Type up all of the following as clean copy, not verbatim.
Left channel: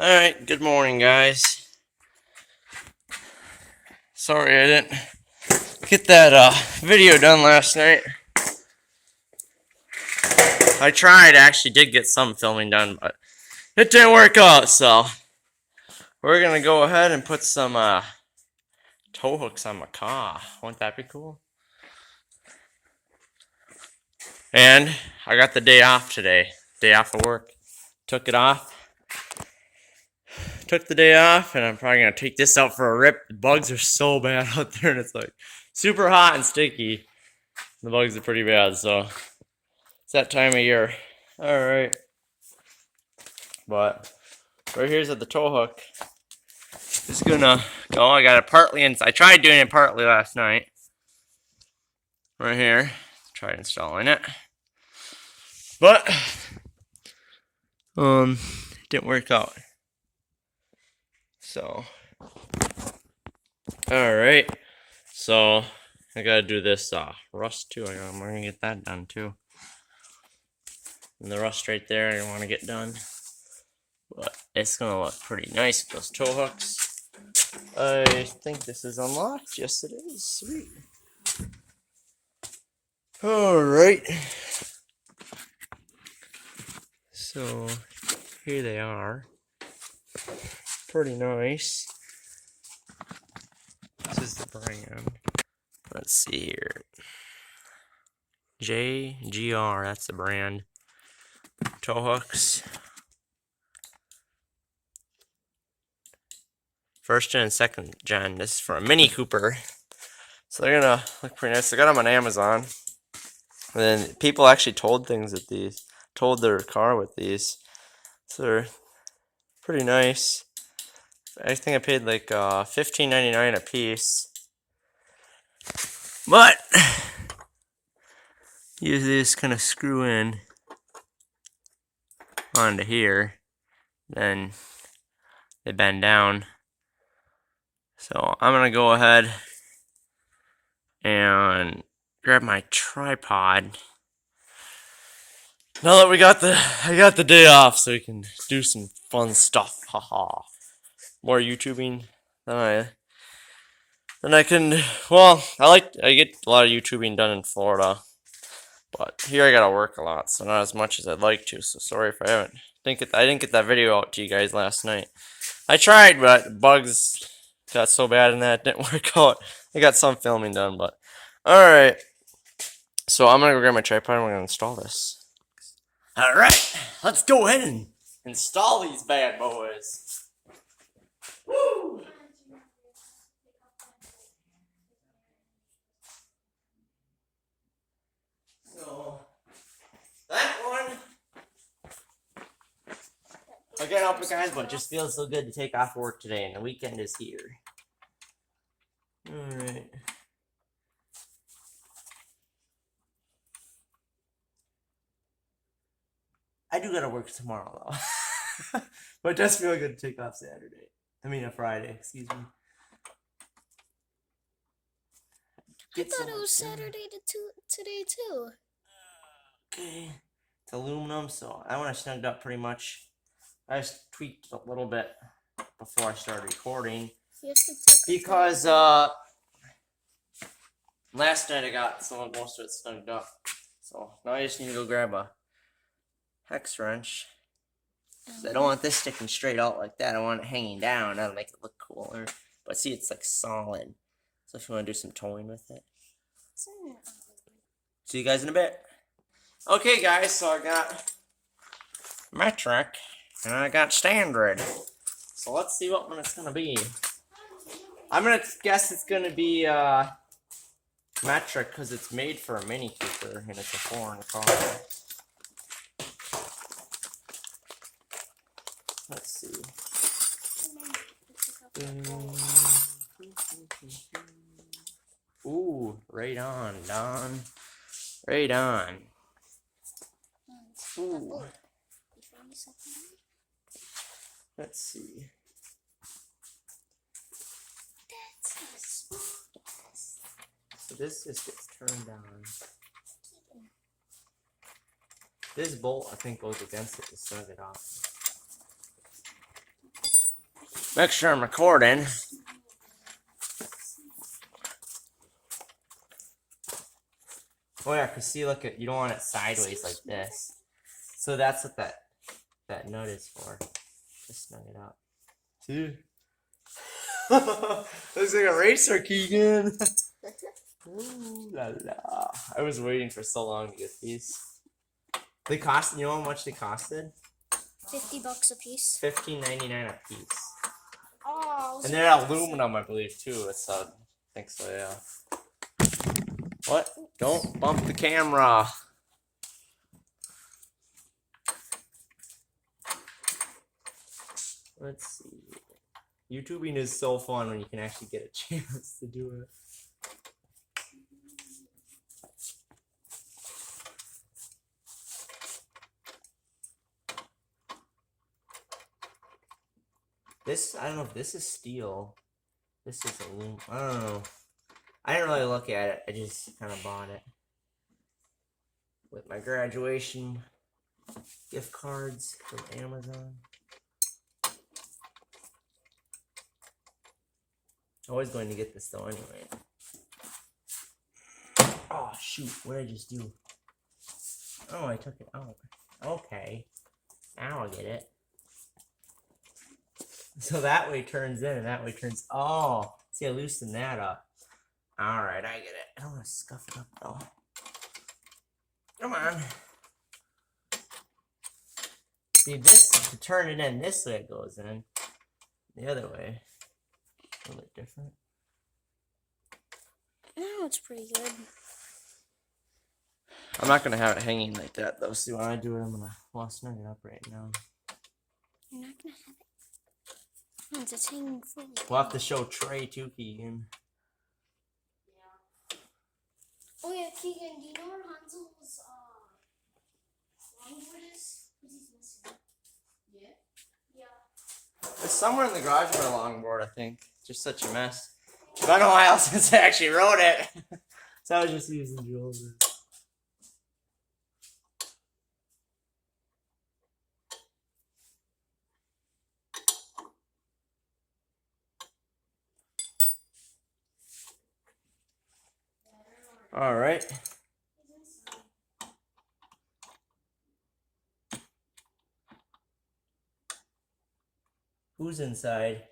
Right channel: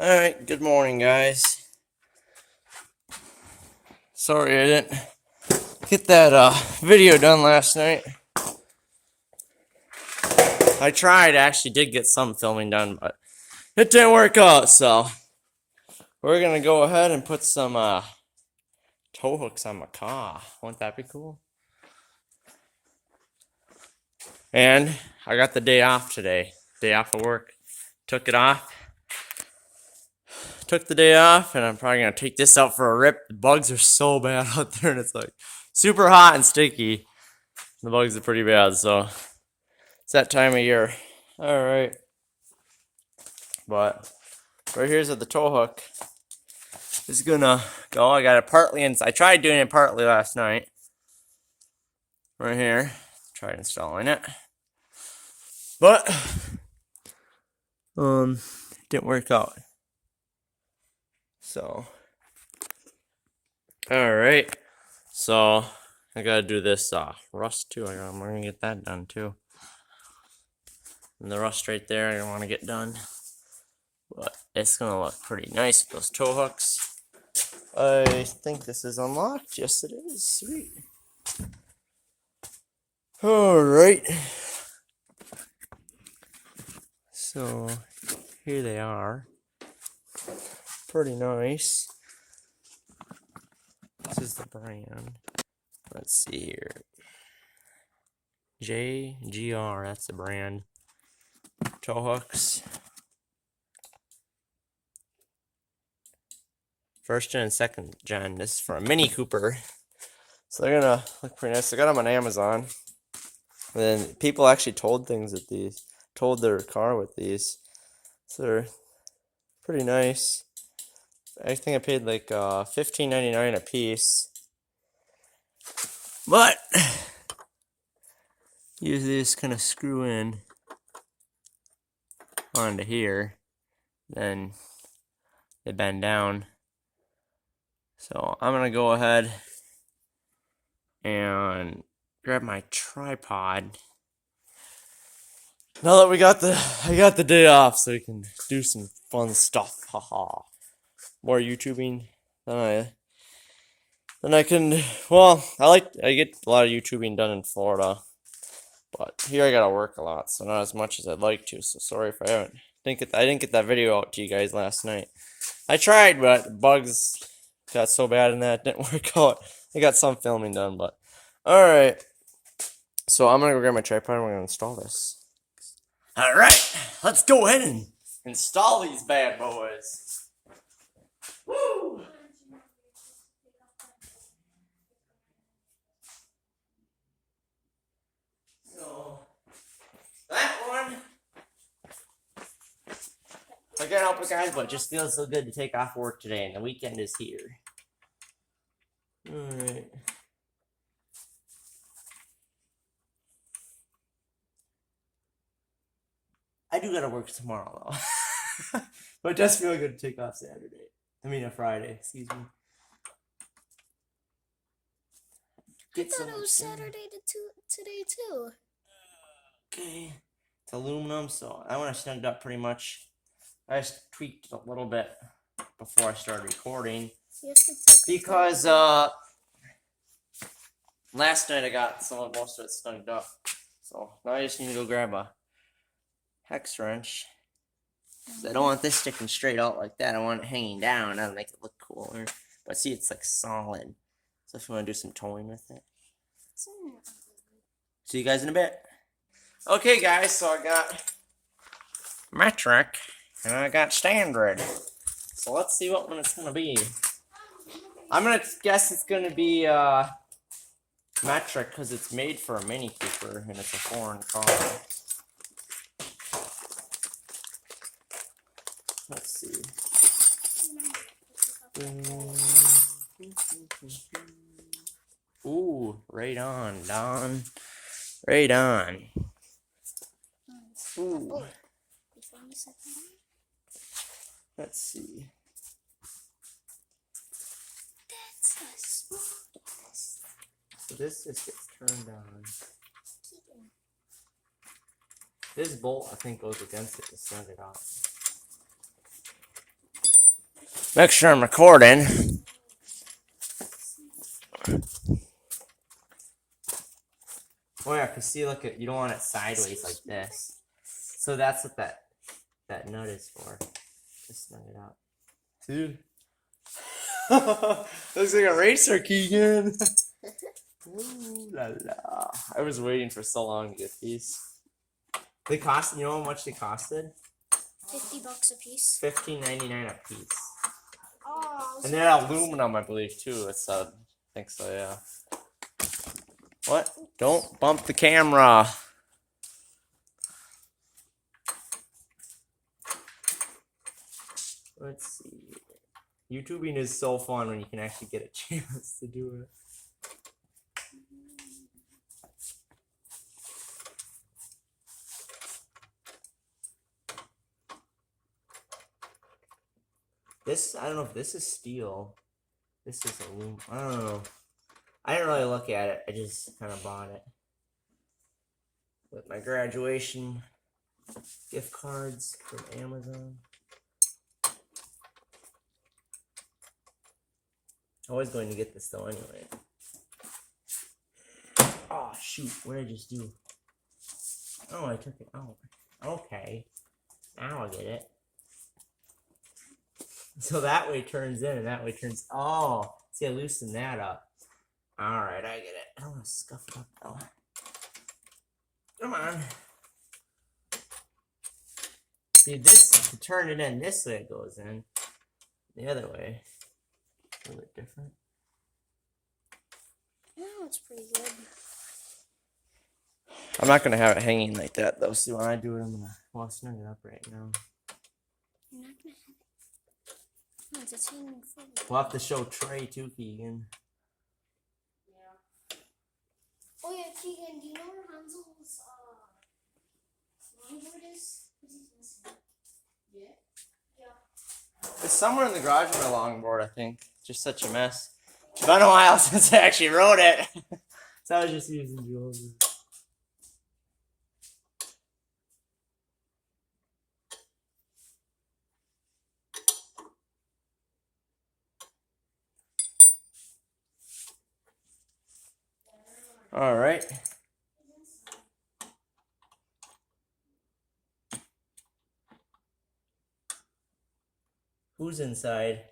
Alright, good morning, guys. Sorry I didn't get that video done last night. I tried, actually did get some filming done, but it didn't work out, so we're gonna go ahead and put some tow hooks on my car. Wouldn't that be cool? And I got the day off today. Day off of work. Took it off. Took the day off, and I'm probably gonna take this out for a rip. The bugs are so bad out there, and it's like super hot and sticky. The bugs are pretty bad, so it's that time of year. Alright. But right here's at the tow hook. It's gonna go. I got it partly in. I tried doing it partly last night. Right here. Tried installing it. But it didn't work out. So alright. So I gotta do this rust too. I'm gonna get that done too. And the rust right there I want to get done. But it's gonna look pretty nice with those tow hooks. I think this is unlocked. Yes, it is. Sweet. Alright. So here they are. Pretty nice. This is the brand. Let's see here. JGR, that's the brand. Tow hooks. First gen and second gen. This is for a Mini Cooper. So they're gonna look pretty nice. I got them on Amazon. And then people actually told things with these. Told their car with these. So they're pretty nice. I think I paid like $15.99 a piece. But you just kind of screw in onto here. Then they bend down. So I'm gonna go ahead and grab my tripod. Now that I got the day off, so we can do some fun stuff. Haha. More YouTubing than I can. Well, I get a lot of YouTubing done in Florida, but here I gotta work a lot, so not as much as I'd like to. So sorry if I didn't get that video out to you guys last night. I tried, but bugs got so bad in that it didn't work out. I got some filming done, but alright. So I'm gonna go grab my tripod and we're gonna install this. Alright, let's go ahead and install these bad boys. Woo! So that one, I can't help it, guys, but it just feels so good to take off work today, and the weekend is here. Alright. I do gotta work tomorrow, though. But it does feel good to take off Saturday. I mean, a Friday, excuse me. I thought it was Saturday today, too. Okay. It's aluminum, so I want to snugged up pretty much. I just tweaked a little bit before I started recording. Because last night I got most of it snugged up. So now I just need to go grab a hex wrench. Because I don't want this sticking straight out like that. I want it hanging down. That'll make it look cooler. But see, it's like solid. So if you want to do some towing with it. See you guys in a bit. Okay, guys, so I got metric and I got standard. So let's see what one it's gonna be. I'm gonna guess it's gonna be metric because it's made for a Mini Cooper and it's a foreign car. Let's see. Ooh, right on, Don. Right on. Ooh. Let's see. So this just gets turned on. This bolt, I think, goes against it to snug it up. Make sure I'm recording. Oh yeah, cause see, look, you don't want it sideways like this. So that's what that nut is for. Just snug it out. See? Looks like a racer, Keegan. Ooh la la! I was waiting for so long to get these. They cost. You know how much they costed? $50 a piece. $15.99 a piece. Oh. And they're aluminum, I believe, too. It's I think so, yeah. What? Don't bump the camera. Let's see. YouTubing is so fun when you can actually get a chance to do it. This, I don't know if this is steel. This is aluminum. I don't know. I didn't really look at it. I just kind of bought it. With my graduation gift cards from Amazon. Always going to get this though anyway. Oh shoot, what did I just do? Oh, I took it out. Okay. Now I get it. So that way turns in and that way turns. Oh, see, I loosened that up. Alright, I get it. I don't want to scuff it up though. Come on. See, this, to turn it in this way, it goes in. The other way. A little bit different. Oh, it's pretty good. I'm not going to have it hanging like that though. See, when I do it, I'm going to snug it up right now. You're not gonna have it. It's hanging fully. We'll have to show Trey too, Keegan. Yeah. Oh yeah, Keegan, do you know where Hansel's longboard is? Because he's missing. Yeah? Yeah. It's somewhere in the garage of my longboard, I think. Just such a mess. It's been a while since I actually rode it. So I was just using Jules'. All right. Who's inside?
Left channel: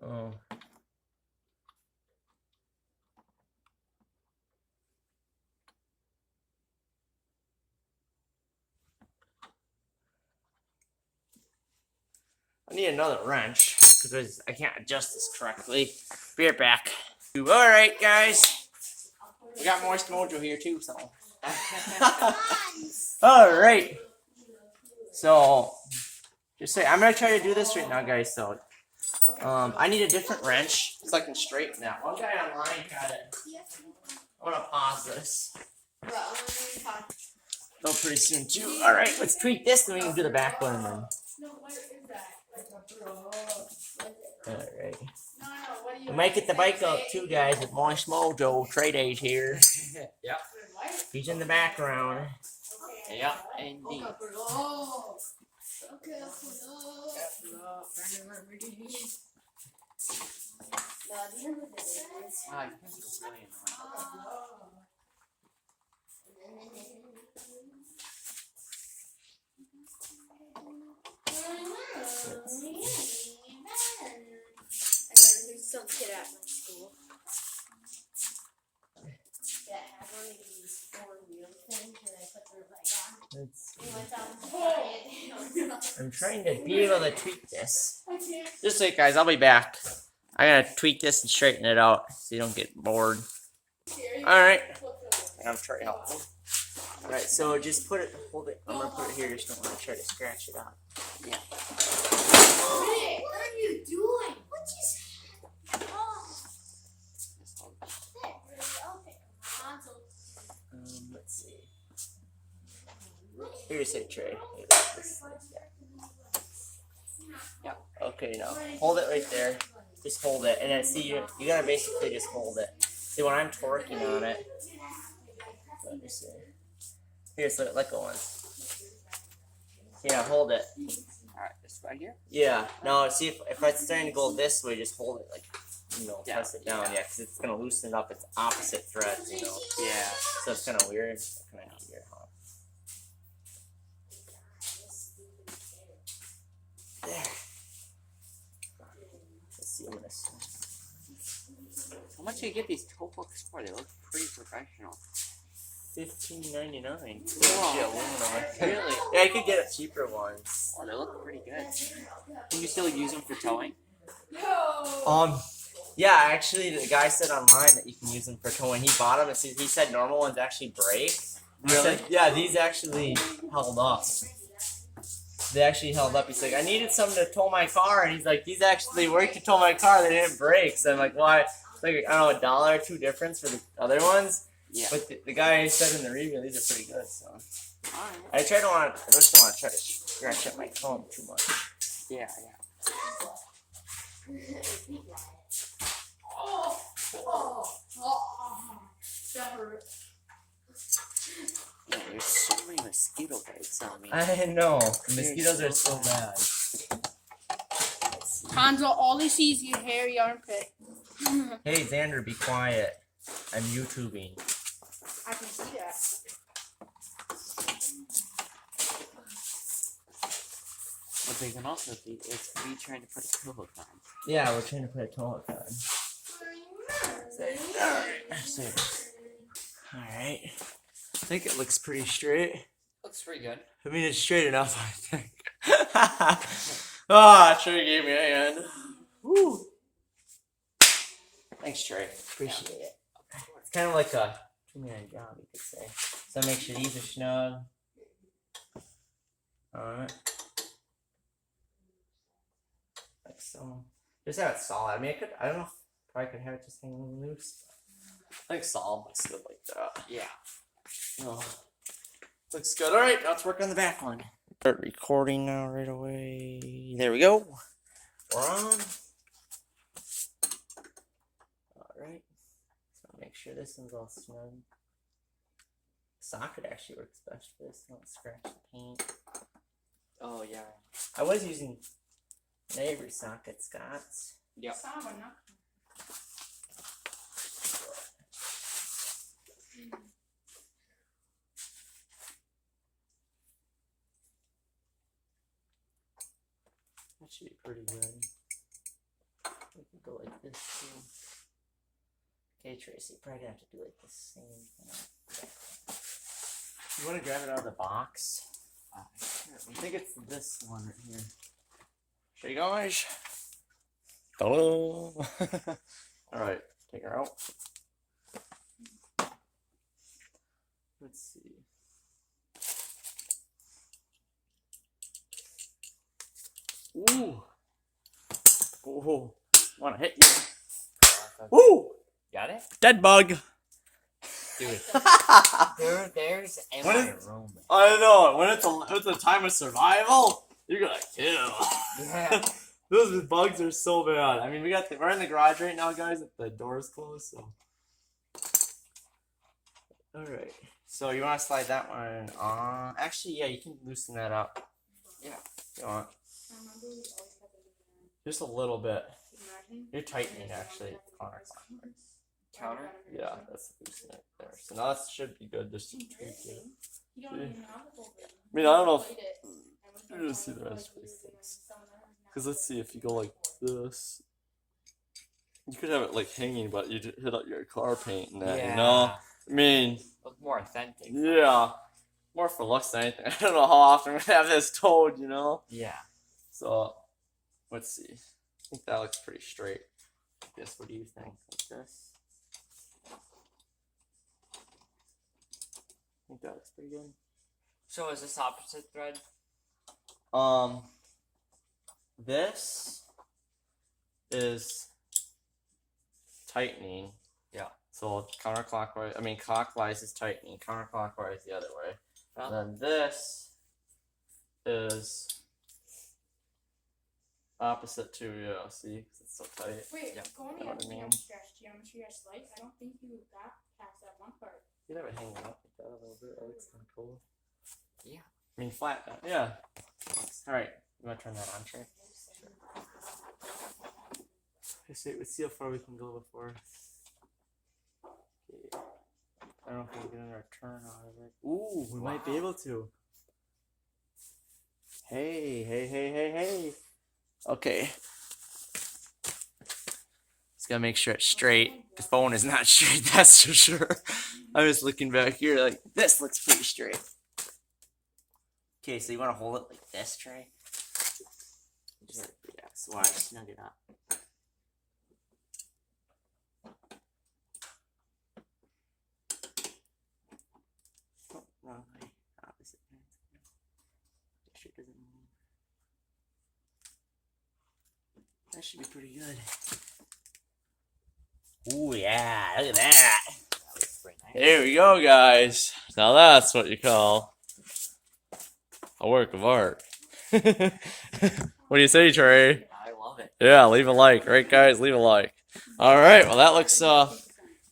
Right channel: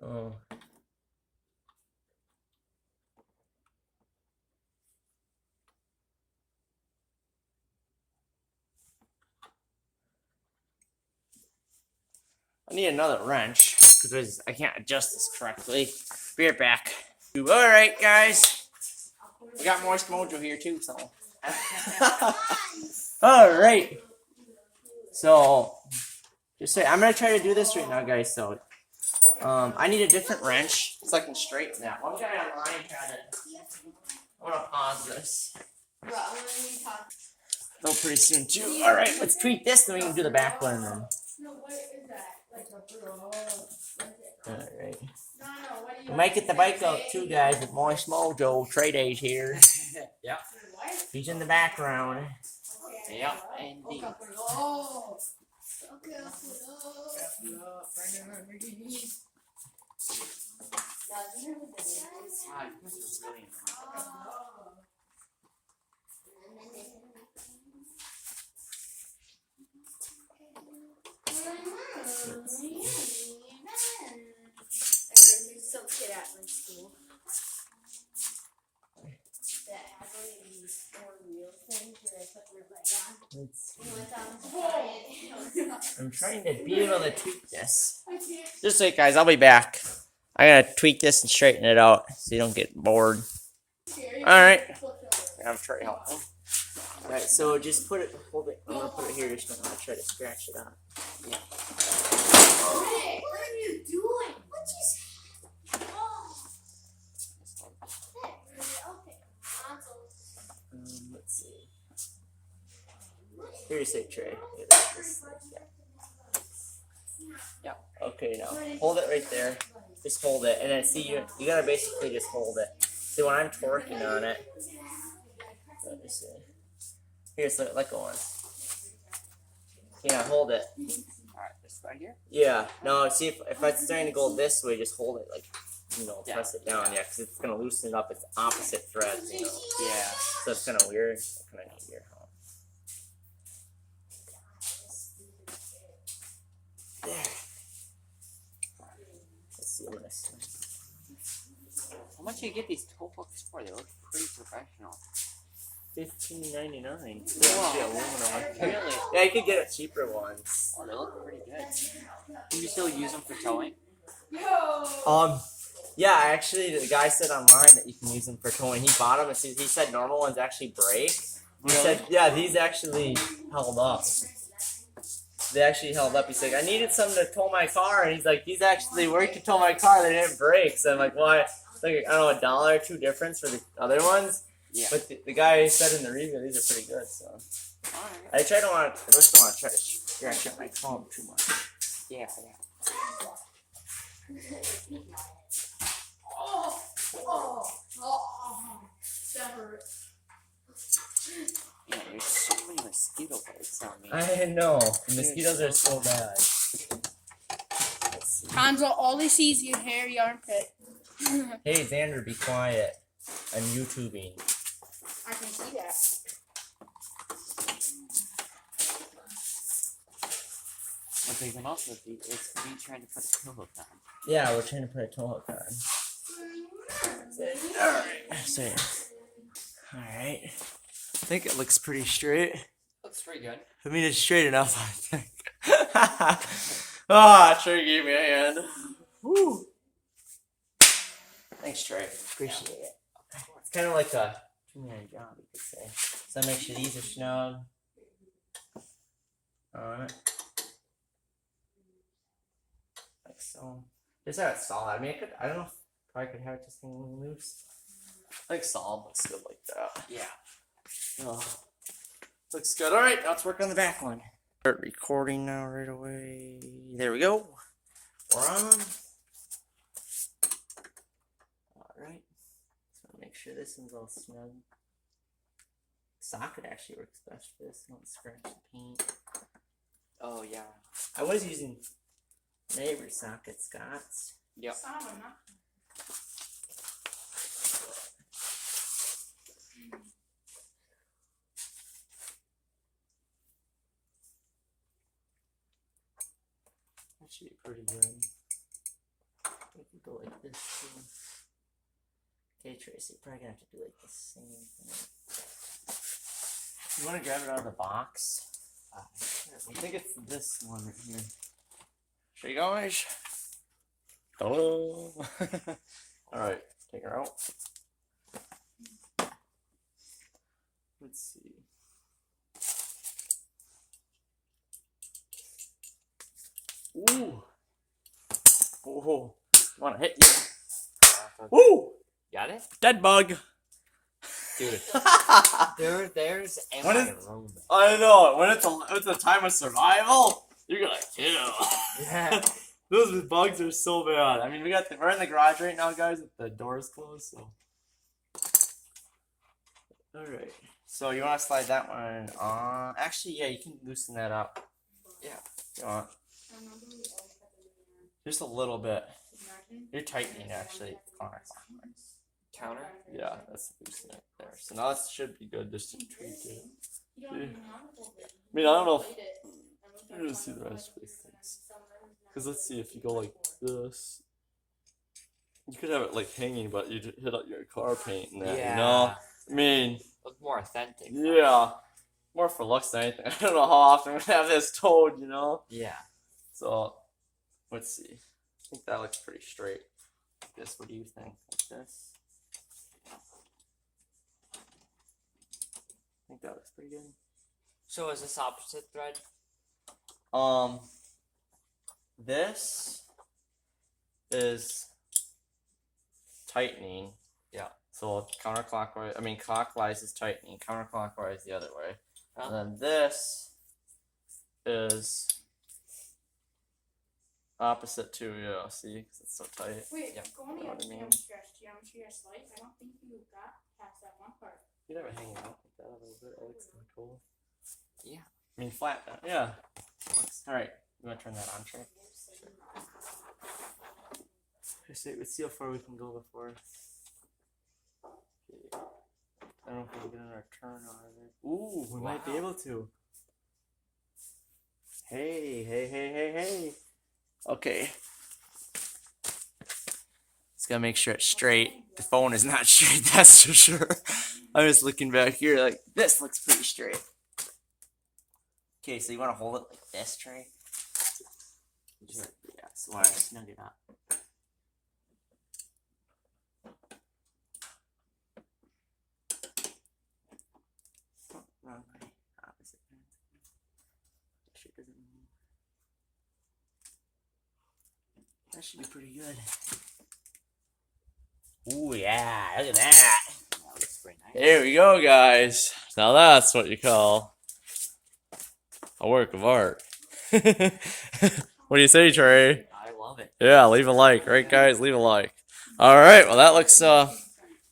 Oh. I need another wrench because I can't adjust this correctly. Be right back. All right, guys. We got Moist Mojo here too, so. All right. So, just say I'm gonna try to do this right now, guys. So, I need a different wrench so I can straighten that. One guy online had it. I'm gonna pause this. Go pretty soon too. All right, let's tweak this, then we can do the back one. Then. All right. We might get the bike out too, guys. With Moist Mojo, Trey Days here. Yep. He's in the background. Yep. Indeed. Wow, this is really annoying. Some kid at my school that had one of these 4-wheel things where they put their leg on. I'm trying to be able to tweak this. Just wait, guys. I'll be back. I gotta tweak this and straighten it out so you don't get bored. Alright. I'm trying to help. Alright, so just hold it. I'm gonna put it here. Just don't want to try to scratch it out. Yeah. Rick, what are you doing? What you Let's see. Here's a tray. Yep. Okay, now hold it right there. Just hold it, and then see you gotta basically just hold it. See when I'm torquing on it. Let me see. Here's let go once. Yeah, hold it. Alright, this way. right here? Yeah. No, see if it's starting to go this way, just hold it like, Yeah. press it down. Yeah, because it's gonna loosen it up. It's opposite threads, Yeah. So it's kind of weird. Kind of neat here, huh? There. Let's see. I'm gonna. How much do you get these toe hooks for? They look pretty professional. $15.99. Wow. Yeah, aluminum. Really? Yeah, you could get cheaper ones. Oh, they look pretty good. Can you still use them for towing? Yeah, actually, the guy said online that you can use them for towing. He bought them, and he said normal ones actually break. He said, yeah, these actually held up. They actually held up. He's like, I needed some to tow my car, and he's like, these actually worked to tow my car. They didn't break. So I'm like, why? It's like, I don't know, $1 or $2 difference for the other ones. Yeah. But the guy said in the review, these are pretty good. So Alright. I just don't want to try to scratch up my phone too much. Yeah. Yeah, there's so many mosquito bites on me. I know. The mosquitoes are so bad. Hanzo, all he sees is your hairy armpit. Hey, Xander, be quiet. I'm YouTubing. I can see that. What they can also be is me trying to put a toe hook on. Yeah, we're trying to put a toe hook on. Alright. I think it looks pretty straight. Looks pretty good. I mean, it's straight enough, I think. Trey gave me a hand. Woo. Thanks, Trey. Appreciate it. It's kind of like a two-man job, you could say. So make sure these are snug. Alright. Like so. Just have it solid. I mean, I don't know if probably could have it just hanging loose. Like solid, but still like that. Yeah. Oh, looks good. All right, now let's work on the back one. Start recording now right away. There we go. We're on. All right. So make sure this one's all snug. Socket actually works best for this. Don't scratch the paint. Oh yeah. I was using neighbor socket Scott's. Yep. That should be pretty good. We can go like this too. Okay, Tracy, probably gonna have to do like the same thing. You want to grab it out of the box? I think it's this one right here. Show you guys. Hello. All right, take her out. Let's see. Ooh. Oh, want to hit you? Ooh. Got it? Dead bug. Dude. There's What is- aroma. I know. When it's a time of survival, you're gonna kill. Yeah. Those bugs are so bad. I mean, we're in the garage right now, guys. The door's closed, so. All right. So you want to slide that one on? Actually, yeah, you can loosen that up. Yeah. You want? Just a little bit. You're tightening actually counterclockwise. Counter? Yeah, that's loosening it there. So now that should be good. Just to tweak it. See? I mean, I don't know if you're gonna see the rest of these things. Because let's see, if you go like this, you could have it like hanging, but you hit up your car paint and that, you know? I mean, Look more authentic. yeah. More for looks than anything. I don't know how often we have this towed, you know? Yeah. So, let's see. I think that looks pretty straight. I guess, what do you think? Like this? I think that looks pretty good. So is this opposite thread? This is tightening. Yeah. So counterclockwise, I mean clockwise is tightening, counterclockwise the other way. Huh? And then this is opposite too, yeah, see? 'Cause it's so tight. Wait, Yeah. go on Know the what I mean? geometry or slice. I don't think you got past that one part. You never hang it up like that a little bit, that looks kinda cool. Yeah. I mean flat, yeah. Alright, You want to turn that on, Trey? Let's see how far we can go before. Okay. I don't know if we're getting our turn out of it. Ooh, we might be able to. Hey. Okay. Just gotta make sure it's straight. The phone is not straight, that's for sure. I'm just looking back here like, this looks pretty straight. Okay, so you want to hold it like this, Trey? Yeah, so I snug it up. Oh, wrong way. Opposite. Make sure it doesn't move. That should be pretty good. Ooh, yeah, look at that. Here we go, guys. Now that's what you call a work of art. What do you say, Trey? I love it. Yeah, leave a like, right, guys? Leave a like. All right, well, that looks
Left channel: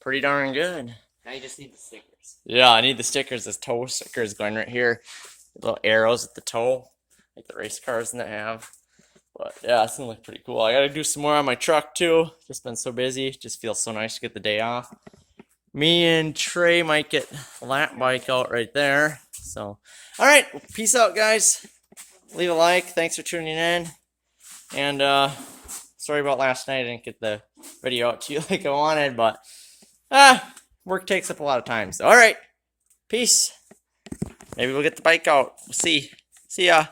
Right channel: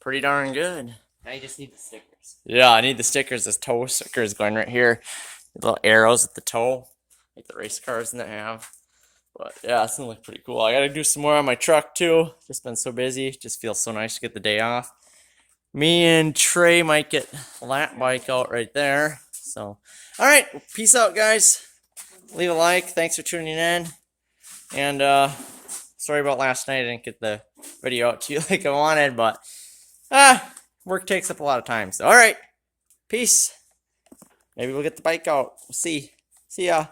pretty darn good. Now you just need the stickers. Yeah, I need the stickers. This toe stickers going right here. Little arrows at the toe, like the race cars that have. But yeah, it's gonna look pretty cool. I gotta do some more on my truck too. Just been so busy. Just feels so nice to get the day off. Me and Trey might get a lap bike out right there. So, all right, peace out, guys. Leave a like. Thanks for tuning in. And sorry about last night. I didn't get the video out to you like I wanted, but work takes up a lot of time. So, all right, peace. Maybe we'll get the bike out. We'll see. See ya.